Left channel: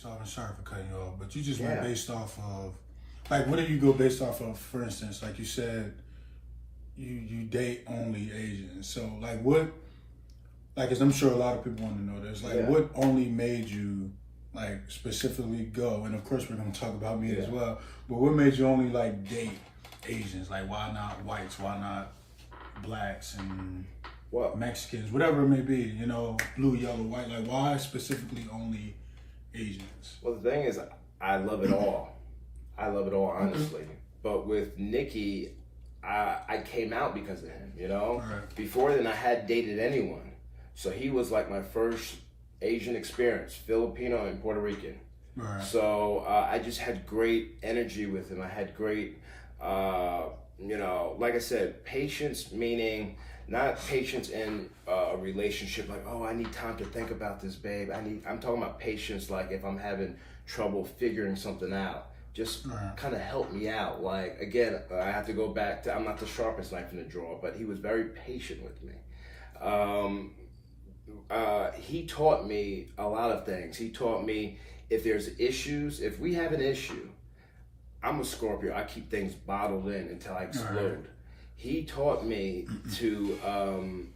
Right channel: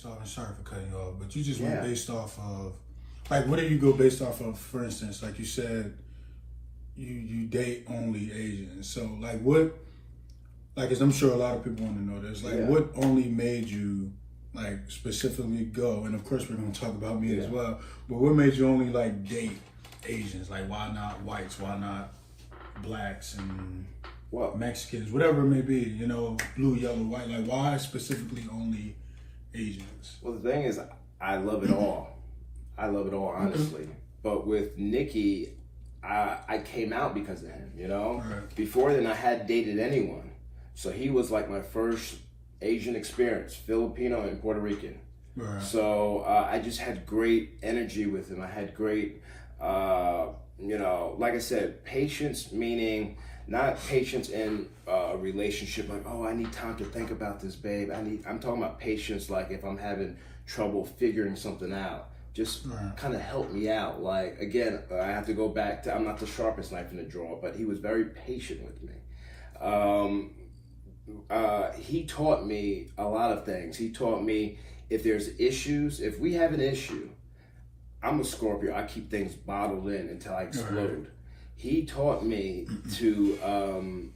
So I'm sorry for cutting you off, but you just went based off of, like, what did you go based off of? For instance, like you said, you date only Asians. So like what, like, as I'm sure a lot of people want to know this, like what only made you like specifically go? And of course we're gonna talk about me as well. But what made you only like date Asians? Like why not whites? Why not blacks and Mexicans? Whatever it may be. You know, blue, yellow, white. Like why specifically only Asians? Well, the thing is, I love it all. I love it all, honestly. But with Nikki, I came out because of him, you know? Right. Before then, I hadn't dated anyone. So he was like my first Asian experience, Filipino and Puerto Rican. Right. So I just had great energy with him. I had great, you know, like I said, patience, meaning not patience in a relationship like, oh, I need time to think about this, babe. I'm talking about patience like if I'm having trouble figuring something out. Just kind of help me out. Like, again, I have to go back to, I'm not the sharpest knife in the drawer, but he was very patient with me. He taught me a lot of things. He taught me if there's issues, if we have an issue, I'm a Scorpio. I keep things bottled in until I explode. He taught me to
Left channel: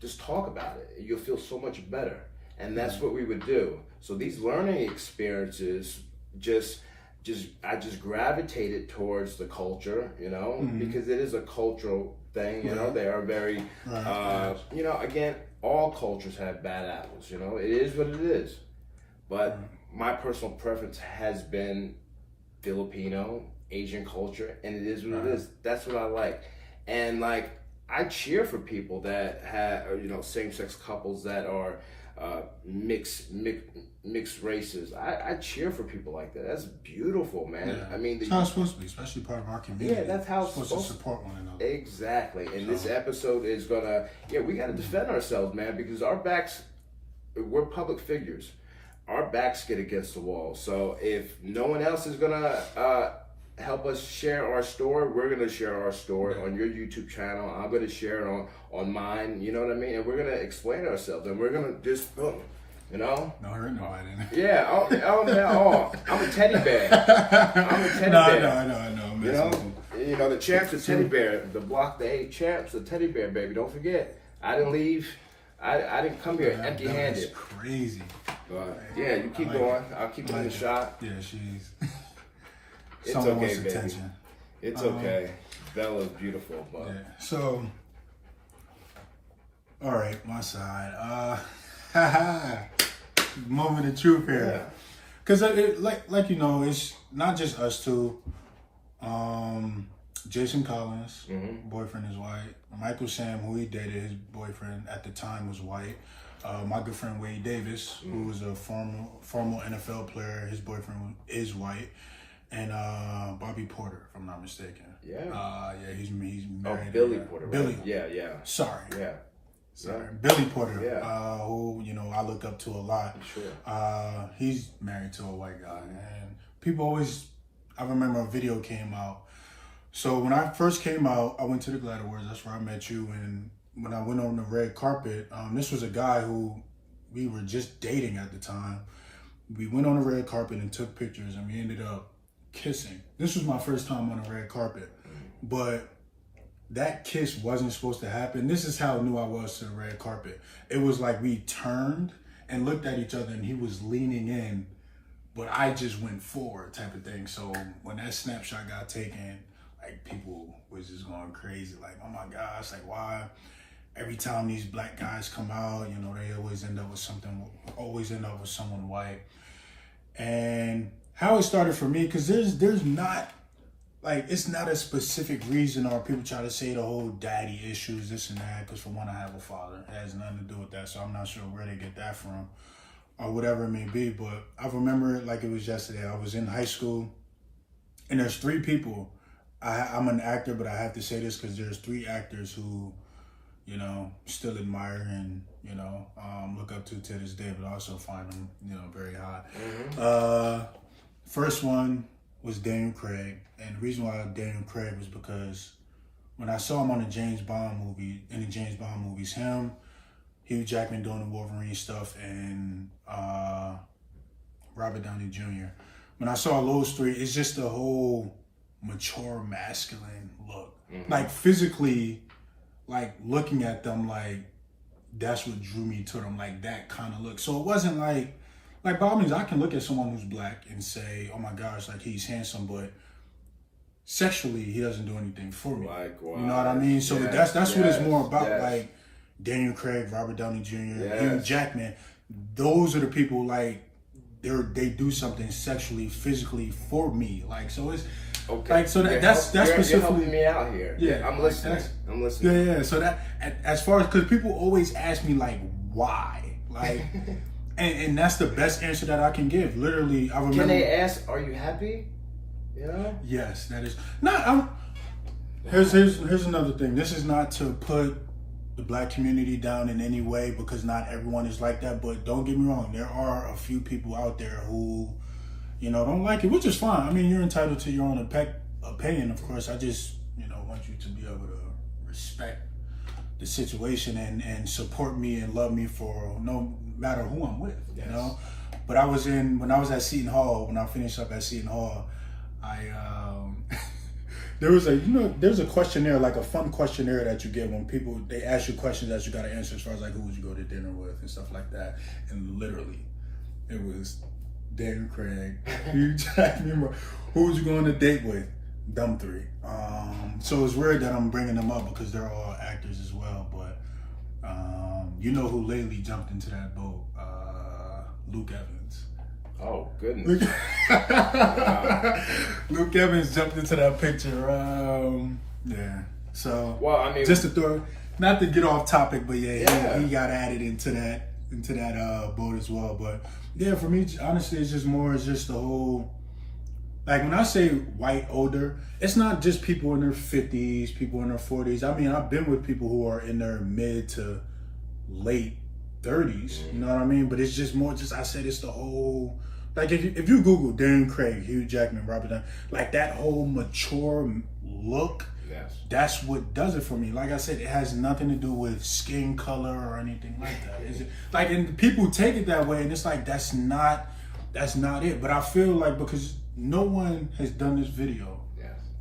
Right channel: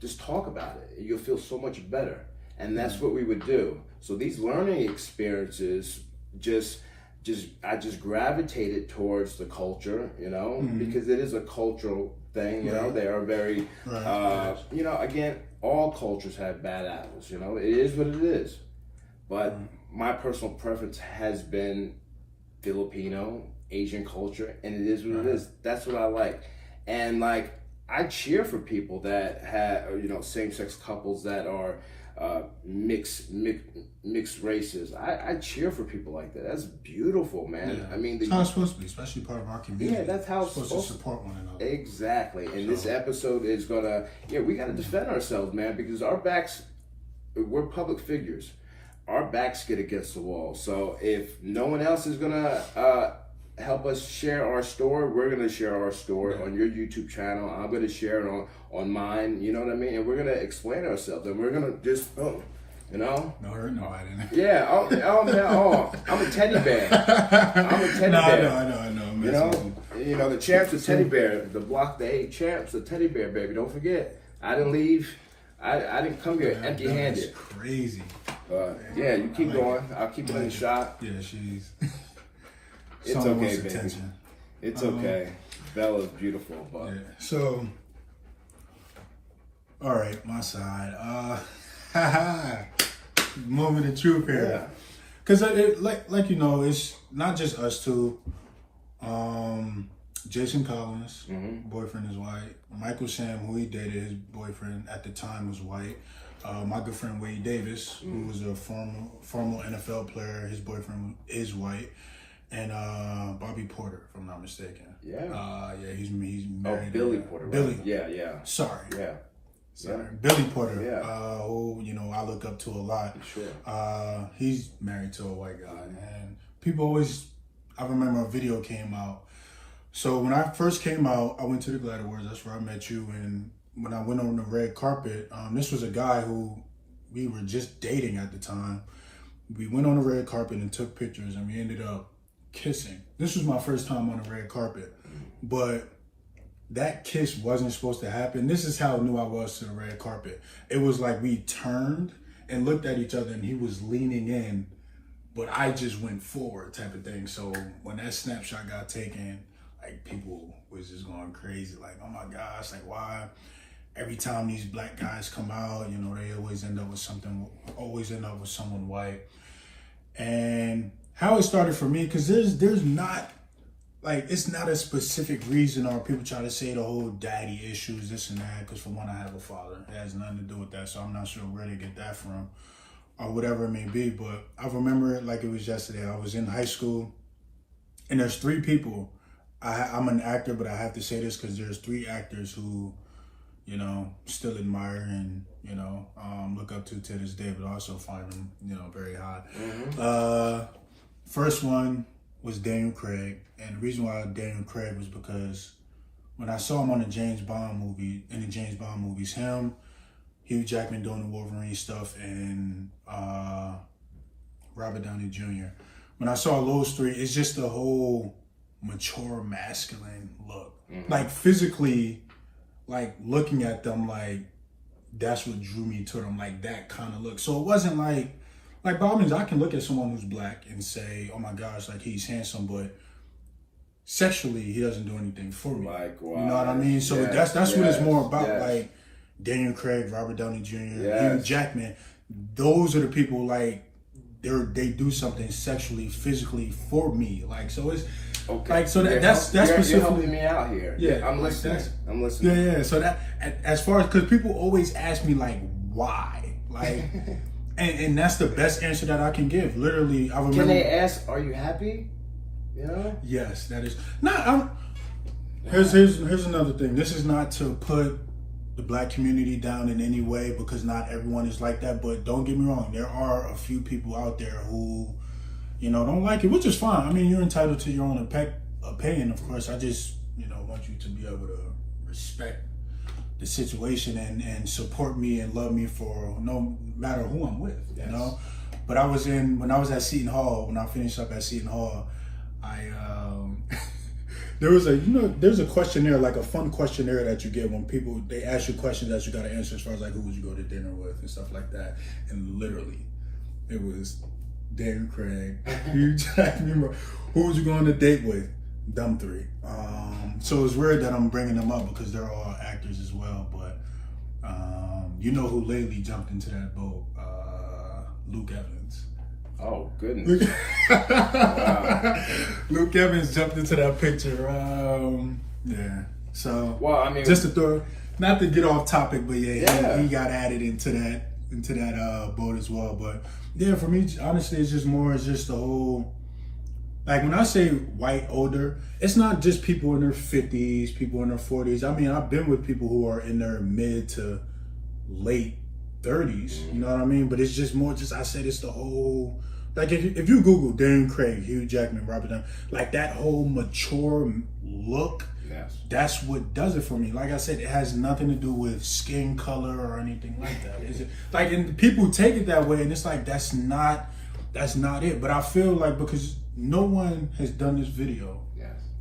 just talk about it. You'll feel so much better. And that's what we would do. So these learning experiences I just gravitated towards the culture, you know, because it is a cultural thing, you know. They are very, you know, again, all cultures have bad apples, you know. It is what it is. But my personal preference has been Filipino, Asian culture, and it is what it is. That's what I like. And, like, I cheer for people that have, you know, same-sex couples that are mixed races. I cheer for people like that. That's beautiful, man. Yeah. I mean, that's how it's supposed to be, especially part of our community. Yeah, that's how it's supposed to support one another. Exactly. And this episode is gonna, we got to defend ourselves, man, because our backs, we're public figures. Our backs get against the wall. So if no one else is gonna help us share our story, we're going to share our story on your YouTube channel. I'm going to share it on mine, you know what I mean? And we're going to explain ourselves, and we're going to just, you know? No hurt nobody. Yeah, I'm a teddy bear. I'm a teddy bear. I know. You know, the champ's a teddy bear. The Block the 8 champ's a teddy bear, baby. Don't forget. I didn't leave. I didn't come here empty-handed. That's crazy. Yeah, you keep going. I'll keep playing the shot. Yeah, she's... It's okay, baby. Attention. It's okay. Bella's beautiful, but So, all right, my side. Moment of truth here, because like you know, it's not just us two. Jason Collins, boyfriend is white. Michael Sam, who he dated, his boyfriend at the time was white. My good friend Wade Davis, who was a formal NFL player, his boyfriend is white. And Bobby Porter, if I'm not mistaken. He's married. Oh, Billy Porter. Billy. Right? Yeah. Sorry. Sorry. Billy Porter, who, you know, I look up to a lot. Sure. He's married to a white guy. And people always, I remember a video came out. So when I first came out, I went to the Glad Awards. That's where I met you. And when I went on the red carpet, this was a guy who we were just dating at the time. We went on the red carpet and took pictures, and we ended up kissing. This was my first time on the red carpet, but that kiss wasn't supposed to happen. This is how new I was to the red carpet. It was like we turned and looked at each other, and he was leaning in, but I just went forward type of thing. So when that snapshot got taken, like, people was just going crazy, like, oh my gosh, like, why every time these black guys come out, you know, they always end up with someone white. And how it started for me, because there's not, like, it's not a specific reason, or people try to say the whole daddy issues, this and that, because for one, I have a father. It has nothing to do with that, so I'm not sure where they get that from, or whatever it may be. But I remember it like it was yesterday. I was in high school, and there's 3 people. I'm an actor, but I have to say this because there's 3 actors who, you know, still admire and, you know, look up to this day, but also find them, you know, very hot. First one was Daniel Craig, and the reason why Daniel Craig was because when I saw him on the James Bond movies, him, Hugh Jackman doing the Wolverine stuff, and Robert Downey Jr. When I saw those three, it's just a whole mature, masculine look. Like physically, like looking at them, like that's what drew me to them, like that kind of look. So it wasn't like by all means, I can look at someone who's black and say, oh my gosh, like he's handsome, but sexually, he doesn't do anything for me. Like, wow. You know what I mean? So Yes, that's what it's more about. yes. Like Daniel Craig, Robert Downey Jr., Yes. Hugh Jackman. Those are the people like they do something sexually, physically for me. Like so it's like so that's you're specifically helping me out here. Yeah, I'm like listening. I'm listening. Yeah, yeah. So that as far as because people always ask me like why, like, and that's the best answer that I can give. Literally, I remember. Can they ask, "Are you happy?" You know. Yes, that is. No, here's another thing. This is not to put the black community down in any way because not everyone is like that. But don't get me wrong, there are a few people out there who, you know, don't like it, which is fine. I mean, you're entitled to your own opinion, of course. I just, you know, want you to be able to respect the situation and support me and love me for no matter who I'm with, you know. But when I was at Seton Hall, when I finished up at Seton Hall, there's a questionnaire, like a fun questionnaire that you get when they ask you questions that you got to answer as far as like who would you go to dinner with and stuff like that. And literally, it was Darren, Craig, Hugh Jackman. Who would you go on a date with? Them three. So it's weird that I'm bringing them up because they're all actors as well. But you know who lately jumped into that boat? Luke Evans. Oh goodness! Luke Evans jumped into that picture. Yeah. So well, I mean, just to throw, not to get off topic, but he got added into that boat as well. But yeah, for me, honestly, it's just the whole. Like when I say white older, it's not just people in their 50s, people in their 40s. I mean, I've been with people who are in their mid to late 30s. You know what I mean? But it's just more. I said it's the whole. Like if you Google Darren Craig, Hugh Jackman, Robert Downey, like that whole mature look, that's what does it for me. Like I said, it has nothing to do with skin color or anything like that. Is it? Like, and people take it that way, and it's like that's not it. But I feel like because no one has done this video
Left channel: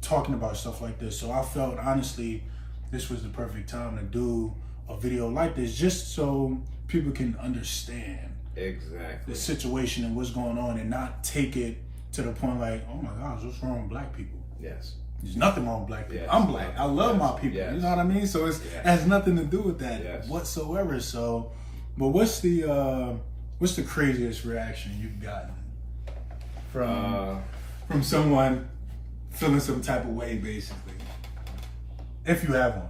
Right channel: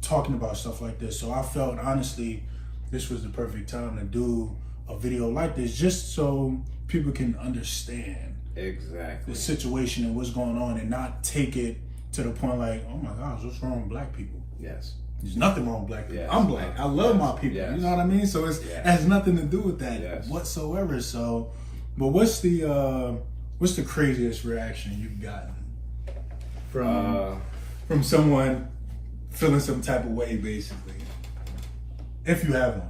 talking about stuff like this, so I felt honestly this was the perfect time to do a video like this, just so people can understand the situation and what's going on, and not take it to the point like, oh my gosh, what's wrong with black people? Yes. There's nothing wrong with black people. I'm black. I love my people. You know what I mean? So it has nothing to do with that whatsoever. So, but what's the craziest reaction you've gotten from someone feeling some type of way, basically, if you have one?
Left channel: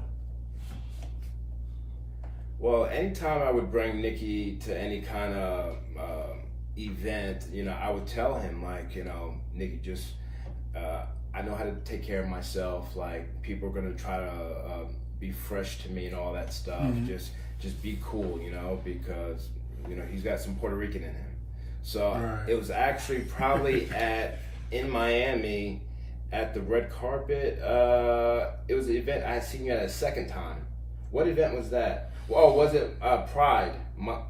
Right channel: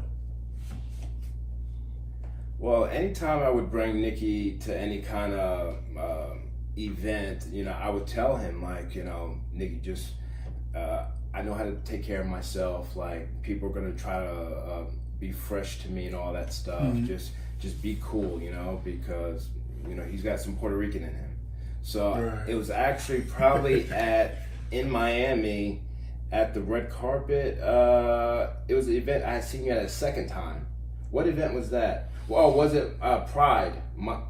Well, anytime I would bring Nikki to any kind of event, you know, I would tell him, like, you know, Nikki, just, I know how to take care of myself. Like, people are going to try to be fresh to me and all that stuff. Just be cool, you know, because, you know, he's got some Puerto Rican in him. So it was actually probably in Miami at the red carpet. It was the event I had seen you at a second time. What event was that? Well, was it Pride?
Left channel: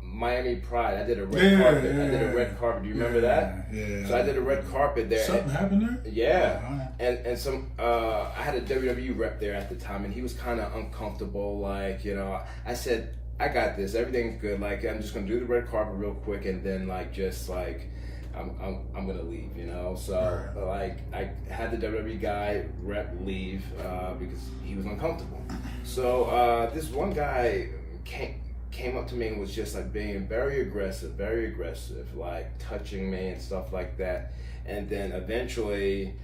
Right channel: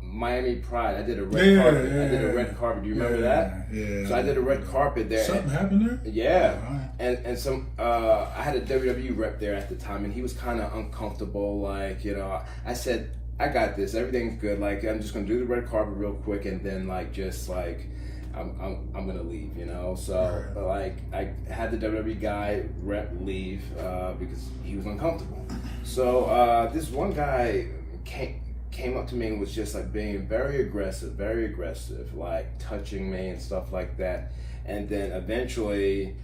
Miami Pride. I did a red carpet. I did a red carpet. Do you remember that? Yeah. So I did a red carpet there. Something happened there? Yeah. And some I had a WWE rep there at the time, and he was kind of uncomfortable. Like, you know, I said, I got this. Everything's good. Like, I'm just gonna do the red carpet real quick, and then like just like I'm gonna leave, you know. So like I had the WWE guy rep leave because he was uncomfortable. So this one guy came up to me and was just like being very aggressive, like touching me and stuff like that. And then eventually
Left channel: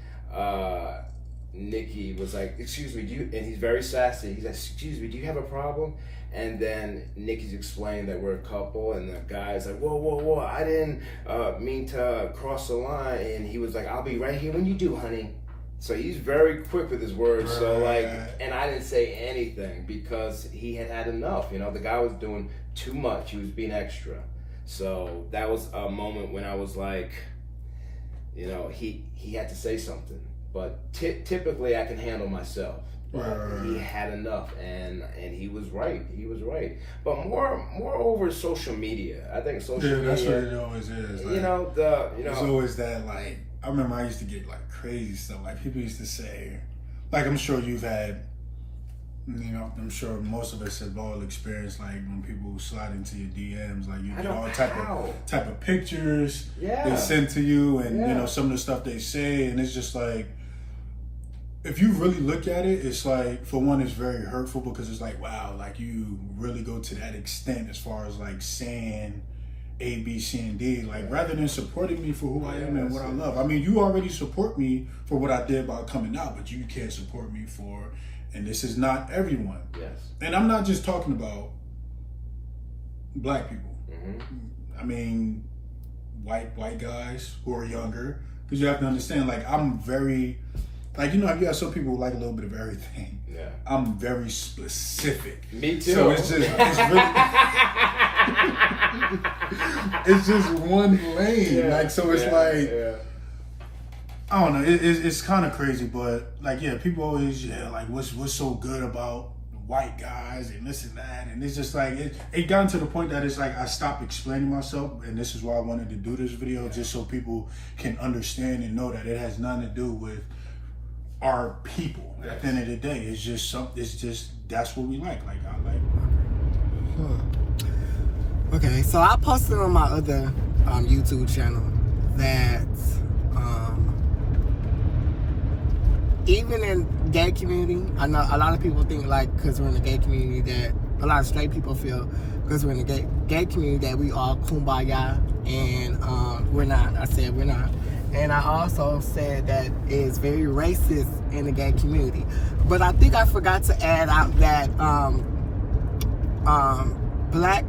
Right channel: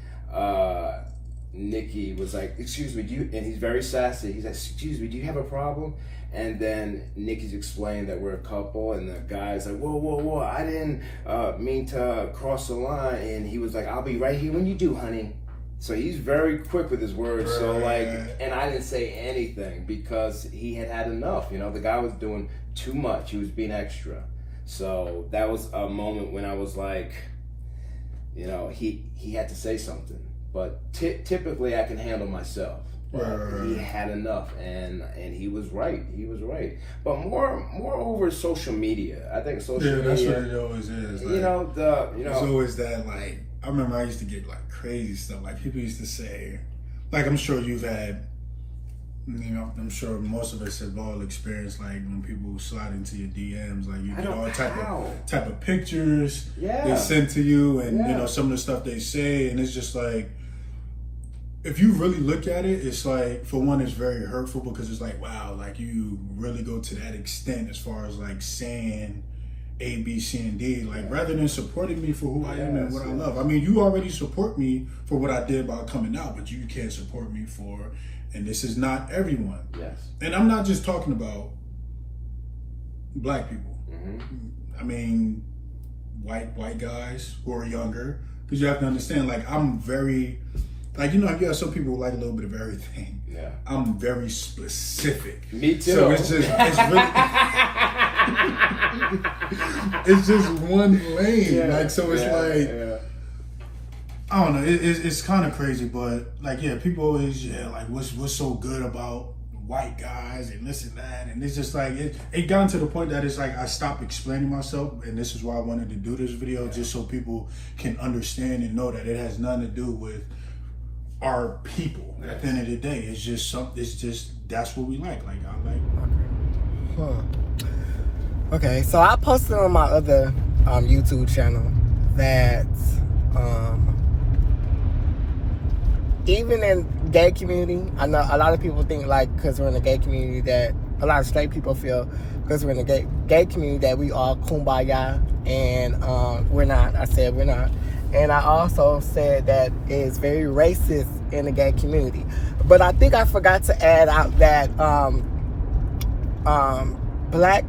Nikki was like, "Excuse me, and he's very sassy. He's like, "Excuse me, do you have a problem?" And then Nikki's explained that we're a couple, and the guy's like, whoa, I didn't mean to cross the line. And he was like, "I'll be right here when you do, honey." So he's very quick with his words. So like, and I didn't say anything because he had enough. You know, the guy was doing too much. He was being extra. So that was a moment when I was like, you know, he had to say something. But typically, I can handle myself. Right. He had enough, and he was right. He was right. But moreover, social media. I think social media. That's what it always is. Like, it's always that. Like, I remember I used to get like crazy stuff. Like people used to say, like I'm sure you've had. I'm sure most of us have all experienced like when people slide into your DMs, like you get all type of pictures they send to you, and some of the stuff they say, and it's just like, if you really look at it, it's like, for one, it's very hurtful because it's like, wow, like you really go to that extent as far as like saying A, B, C, and D, like rather than supporting me for who I am and what I love. I mean, you already support me for what I did by coming out, but you can't support me for, and this is not everyone. Yes. And I'm not just talking about black people. I mean, white guys who are younger, because you have to understand, like I'm very, like, you have some people who like a little bit of everything. Yeah. I'm very specific. Me too. So it's really, it's just one lane. Like, so it's I don't know. It's kind of crazy, but like, people always, like, what's so good about white guys and this and that, and it's just like it gotten to the point that it's like I stopped explaining myself, and this is why I wanted to do this video, just so people can understand and know that it has nothing to do with our people. At the end of the day, it's just that's what we like. Like I like. Okay, so I posted on my other YouTube channel that even in gay community, I know a lot of people think like because we're in the gay community that a lot of straight people feel because we're in the gay community that we all kumbaya, and we're not. I said we're not. And I also said that it is very racist in the gay community. But I think I forgot to add out that black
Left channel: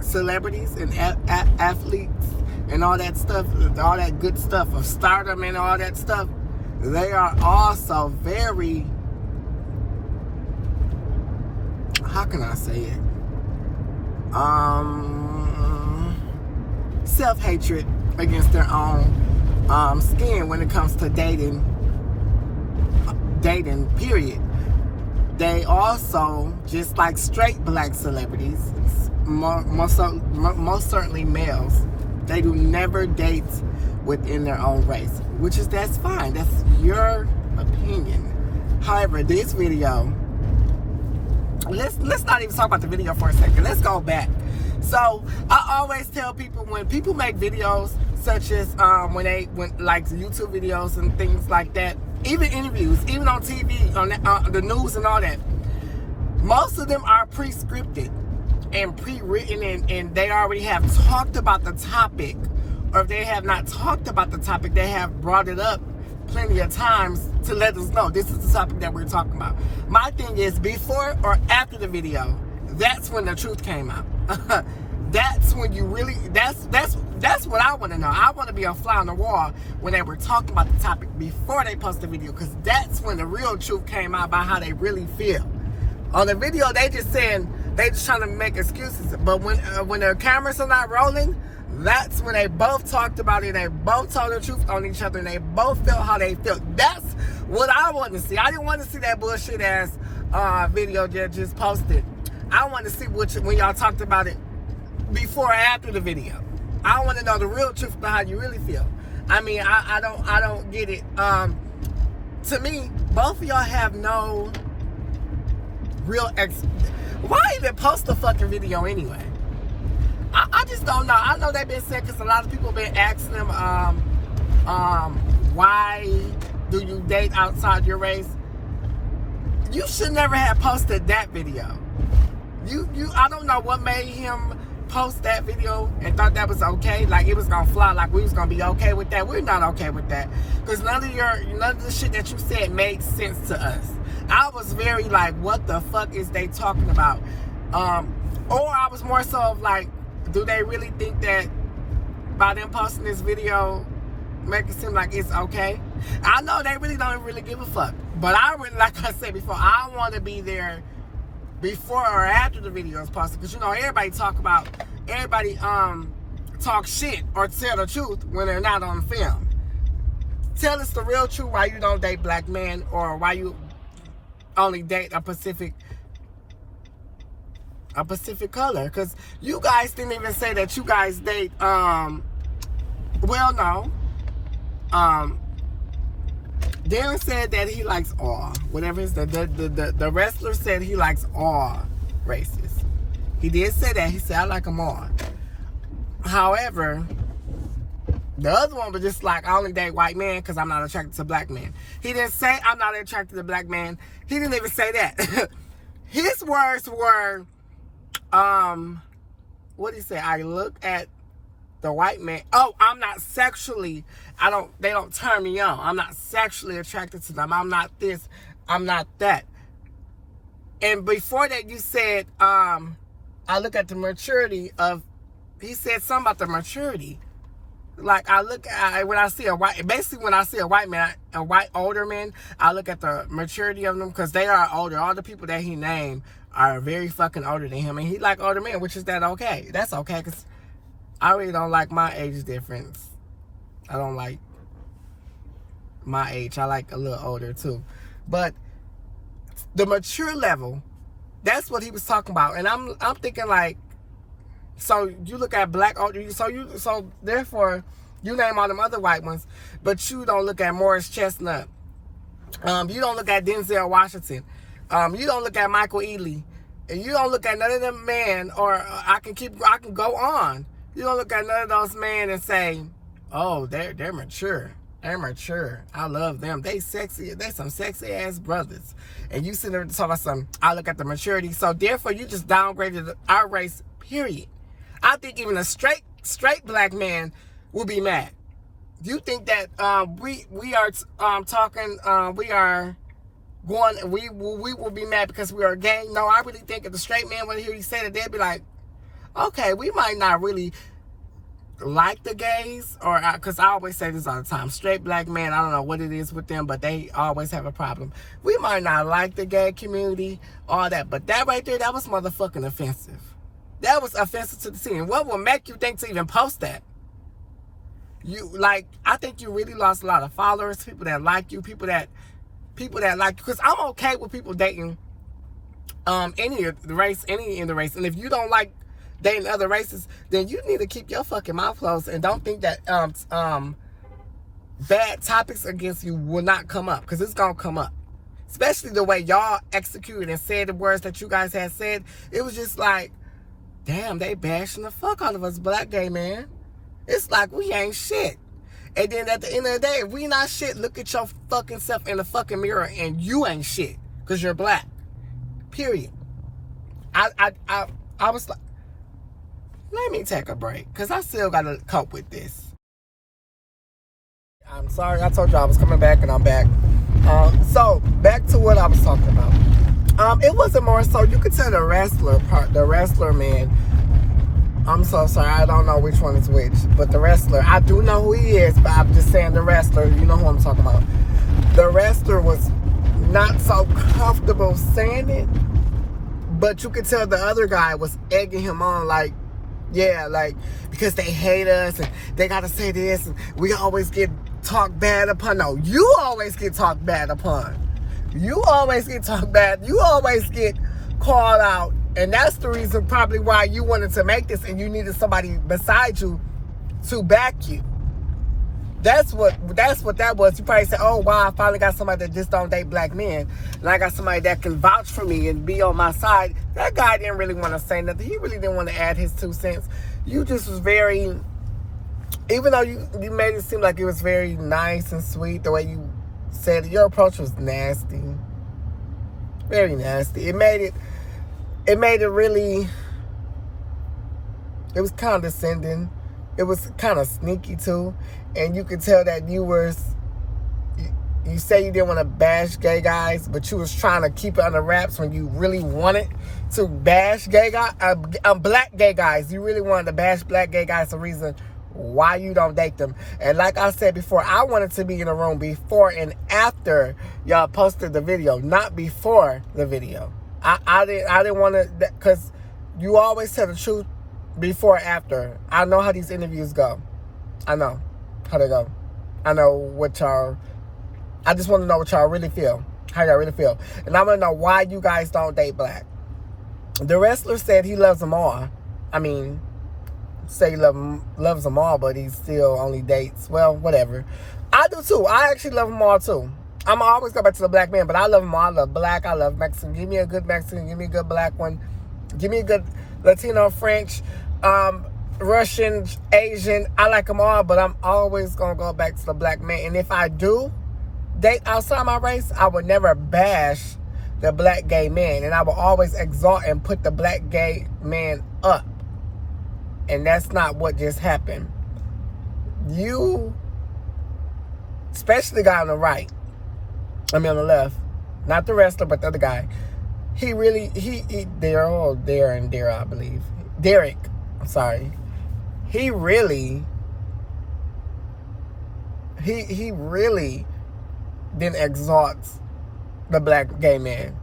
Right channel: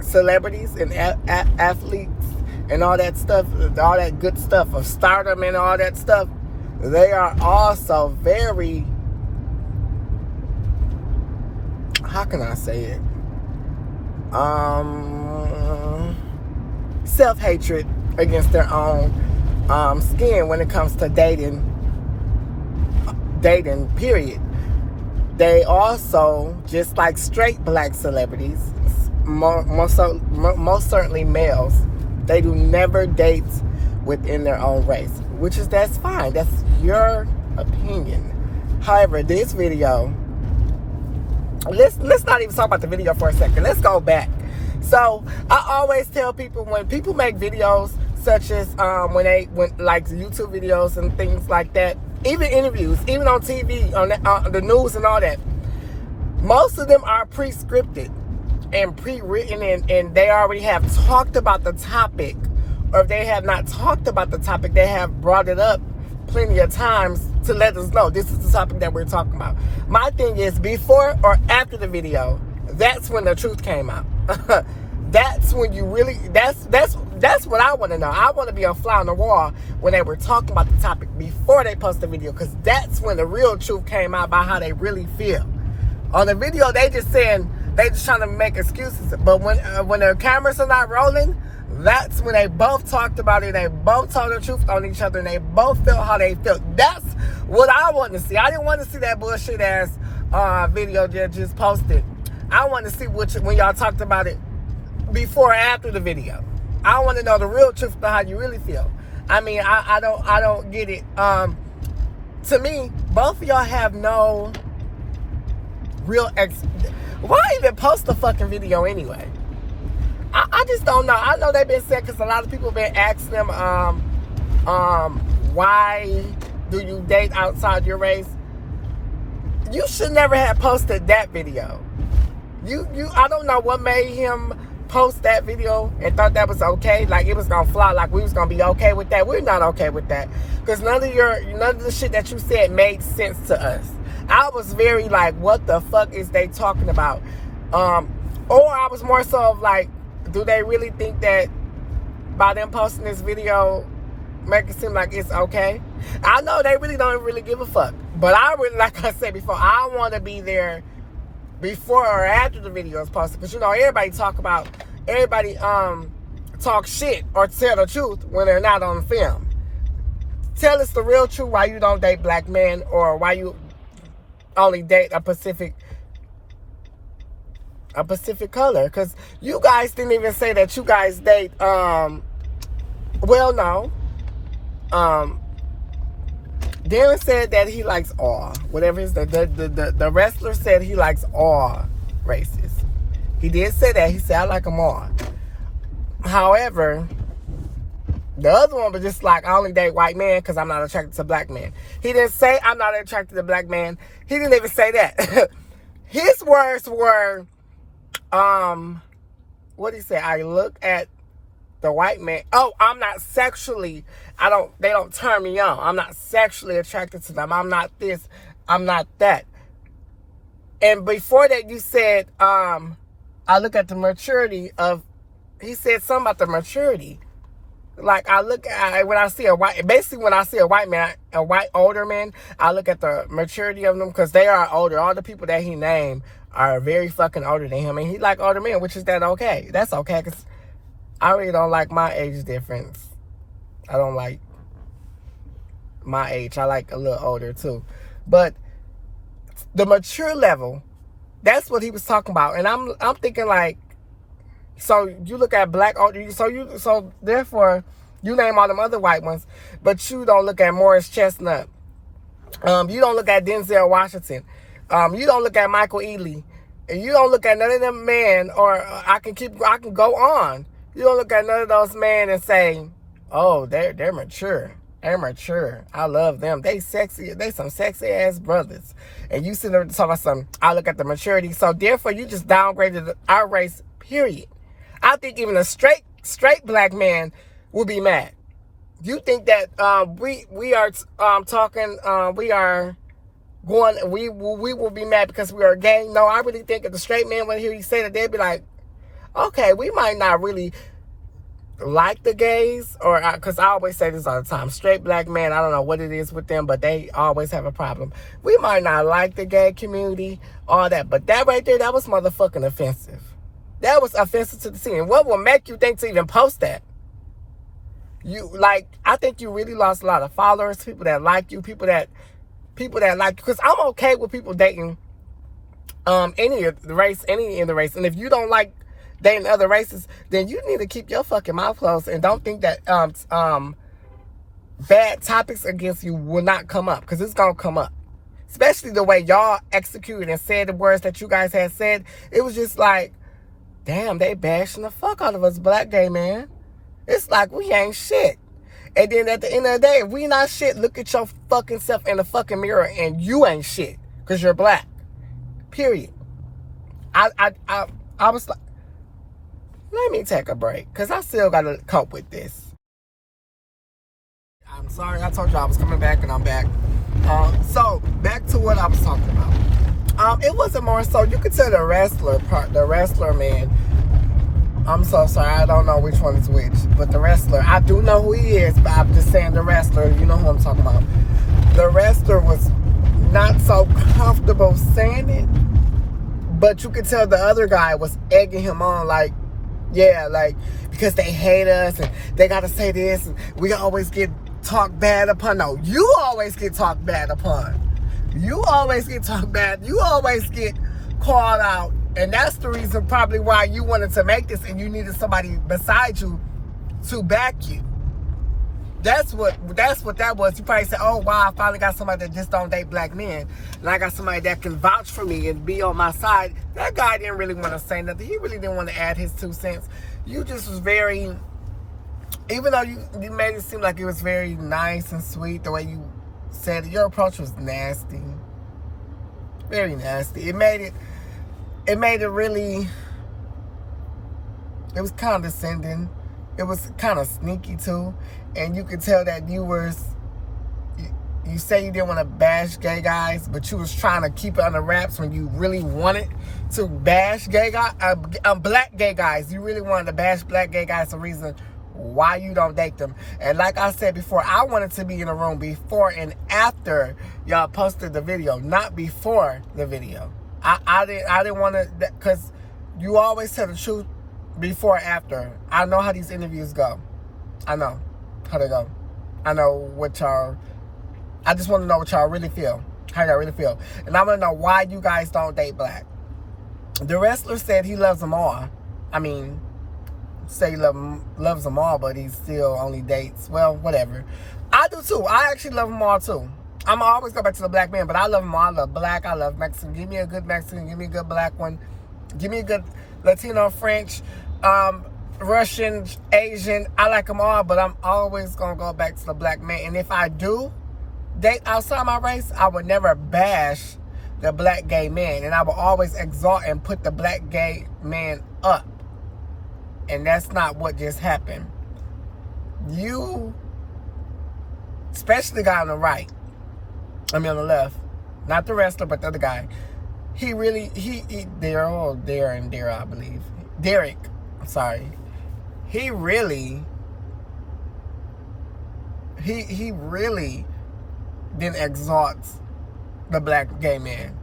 celebrities and athletes and all that stuff, all that good stuff of stardom and all that stuff, they are also very, how can I say it? Self-hatred against their own skin when it comes to dating, period. They also, just like straight black celebrities, most certainly males, they do never date within their own race, that's fine. That's your opinion. However, this video, let's not even talk about the video for a second. Let's go back. So I always tell people, when people make videos such as when like YouTube videos and things like that, even interviews, even on TV, on the news and all that, most of them are pre-scripted and pre-written, and they already have talked about the topic, or if they have not talked about the topic, they have brought it up plenty of times to let us know this is the topic that we're talking about. My thing is, before or after the video, that's when the truth came out. That's when you really, that's what I want to know. I want to be a fly on the wall when they were talking about the topic before they post the video, because that's when the real truth came out about how they really feel. On the video, they just trying to make excuses. But when the cameras are not rolling, that's when they both talked about it. They both told the truth on each other, and they both felt how they felt. That's what I want to see. I didn't want to see that bullshit ass video that just posted. I want to see when y'all talked about it before or after the video. I want to know the real truth about how you really feel. I mean, I don't get it. To me, both of y'all have no real why even post the fucking video anyway? I just don't know. I know they've been saying, because a lot of people have been asking them, why do you date outside your race? You should never have posted that video. I don't know what made him post that video and thought that was okay, like it was gonna fly, like we was gonna be okay with that. We're not okay with that, because none of the shit that you said made sense to us. I was very like, what the fuck is they talking about? Or I was more so of like, do they really think that by them posting this video make it seem like it's okay? I know they really don't really give a fuck, but I really, like I said before, I want to be there before or after the video is posted, because everybody talk shit or tell the truth when they're not on film. tell us the real truth why you don't date black men, or why you only date a Pacific color. Because you guys didn't even say that you guys date, well, no. Darren said that he likes all. Whatever his, the wrestler said he likes all races. He did say that. He said, I like them all. However, the other one was just like, I only date white men because I'm not attracted to black men. He didn't say, I'm not attracted to black men. He didn't even say that. His words were, what did he say? I look at the white man. Oh, I'm not sexually, they don't turn me on. I'm not sexually attracted to them. I'm not this. I'm not that. And before that, you said, I look at the maturity of, he said something about the maturity. Like, I look at, when I see a white man, a white older man, I look at the maturity of them, because they are older. All the people that he named are very fucking older than him. And he like older men, which is that okay. That's okay, because I really don't like my age difference. I don't like my age. I like a little older too. But the mature level, that's what he was talking about. And I'm thinking like, so you look at black, so therefore you name all them other white ones, but you don't look at Morris Chestnut. You don't look at Denzel Washington. You don't look at Michael Ealy. And you don't look at none of them men, or I can go on. You don't look at none of those men and say, oh, they're mature. They're mature. I love them. They sexy. They some sexy ass brothers. And you sit there and talk about something. I look at the maturity. So therefore, you just downgraded our race. Period. I think even a straight black man will be mad. You think that we are will be mad because we are gay? No, I really think if the straight man would hear you say that, they'd be like, okay, we might not really like the gays, or because I always say this all the time, straight black men, I don't know what it is with them, but they always have a problem. We might not like the gay community, all that, but that right there, that was motherfucking offensive. That was offensive to the scene. What will make you think to even post that? I think you really lost a lot of followers, people that like you, people that like, because I'm okay with people dating any in the race. And if you don't like dating other races, then you need to keep your fucking mouth closed and don't think that bad topics against you will not come up, because it's gonna come up. Especially the way y'all executed and said the words that you guys had said. It was just like, damn, they bashing the fuck out of us black gay man. It's like we ain't shit. And then at the end of the day, if we not shit, look at your fucking self in the fucking mirror and you ain't shit because you're black. Period. I was like, let me take a break because I still got to cope with this. I'm sorry, I told you I was coming back and I'm back. So back to what I was talking about. It wasn't more so, you could tell the wrestler man. I'm so sorry, I don't know which one is which, but the wrestler, I do know who he is, but I'm just saying the wrestler, you know who I'm talking about. The wrestler was not so comfortable saying it, but you could tell the other guy was egging him on, like, yeah, like, because they hate us and they gotta say this and we always get talked bad upon. No, you always get talked bad upon. You always get talked bad. You always get called out. And that's the reason probably why you wanted to make this and you needed somebody beside you to back you. That's what that was. You probably said, oh, wow, I finally got somebody that just don't date black men. And I got somebody that can vouch for me and be on my side. That guy didn't really want to say nothing. He really didn't want to add his 2 cents. You just was very, even though you made it seem like it was very nice and sweet, the way you said it, your approach was nasty. Very nasty. It made it really, it was condescending. It was kind of sneaky too. And you could tell that you say you didn't want to bash gay guys, but you was trying to keep it under wraps when you really wanted to bash black gay guys. You really wanted to bash black gay guys, the reason why you don't date them. And like I said before, I wanted to be in the room before and after y'all posted the video, not before the video. I didn't want to, because you always tell the truth before or after. I know how these interviews go. I know how they go. I know what y'all. I just want to know what y'all really feel. How y'all really feel, and I want to know why you guys don't date black. The wrestler said he loves them all. I mean, say he loves them all, but he still only dates. Well, whatever. I do too. I actually love them all too. I'm always go back to the black man, but I love them all. I love black. I love Mexican. Give me a good Mexican. Give me a good black one. Give me a good Latino, French, Russian, Asian. I like them all, but I'm always going to go back to the black man. And if I do date outside my race, I would never bash the black gay man. And I will always exalt and put the black gay man up. And that's not what just happened. You, especially the guy on the right, on the left, not the wrestler, but the other guy, he really, Darren, I believe. Derrick, I'm sorry. He really then exalts the black gay man.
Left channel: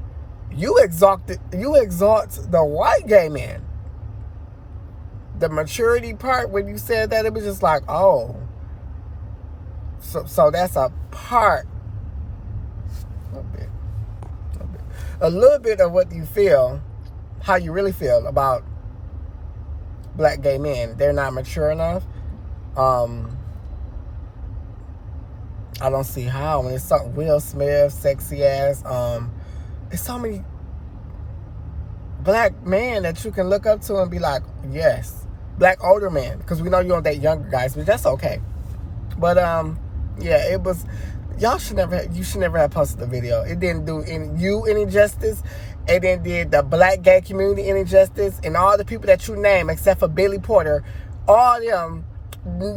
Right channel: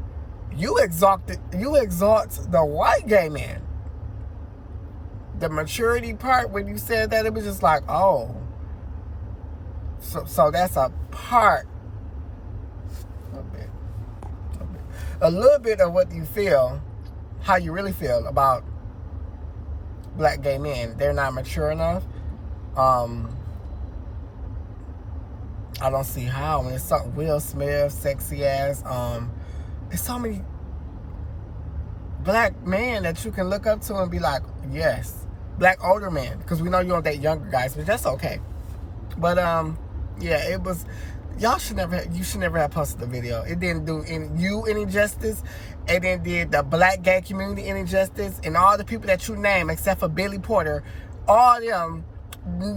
You exalt the white gay man. The maturity part, when you said that, it was just like, oh. So that's a part. A little bit of what you feel, how you really feel about black gay men. They're not mature enough. I don't see how. I mean, it's something Will Smith, sexy ass. There's so many black men that you can look up to and be like, yes. Black older men, because we know you don't date younger guys, but that's okay. But yeah, it was. You should never have posted the video. It didn't do any justice. It didn't did the black gay community any justice, and all the people that you name, except for Billy Porter, all of them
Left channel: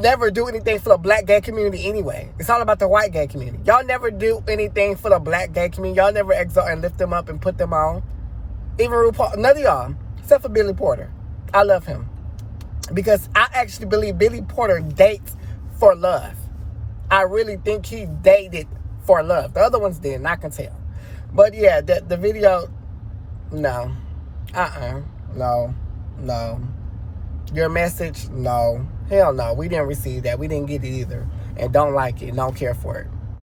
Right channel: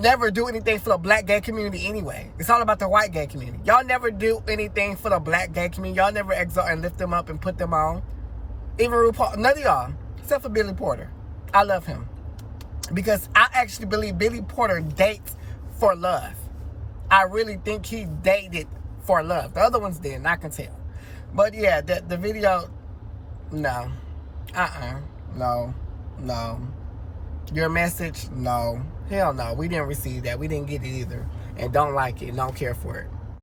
never do anything for the black gay community anyway. It's all about the white gay community. Y'all never do anything for the black gay community. Y'all never exalt and lift them up and put them on. Even RuPaul, none of y'all, except for Billy Porter. I love him. Because I actually believe Billy Porter dates for love. I really think he dated for love. The other ones didn't, I can tell. But yeah, the video, no. No. Your message, no. Hell no, we didn't receive that. We didn't get it either. And don't like it, don't care for it.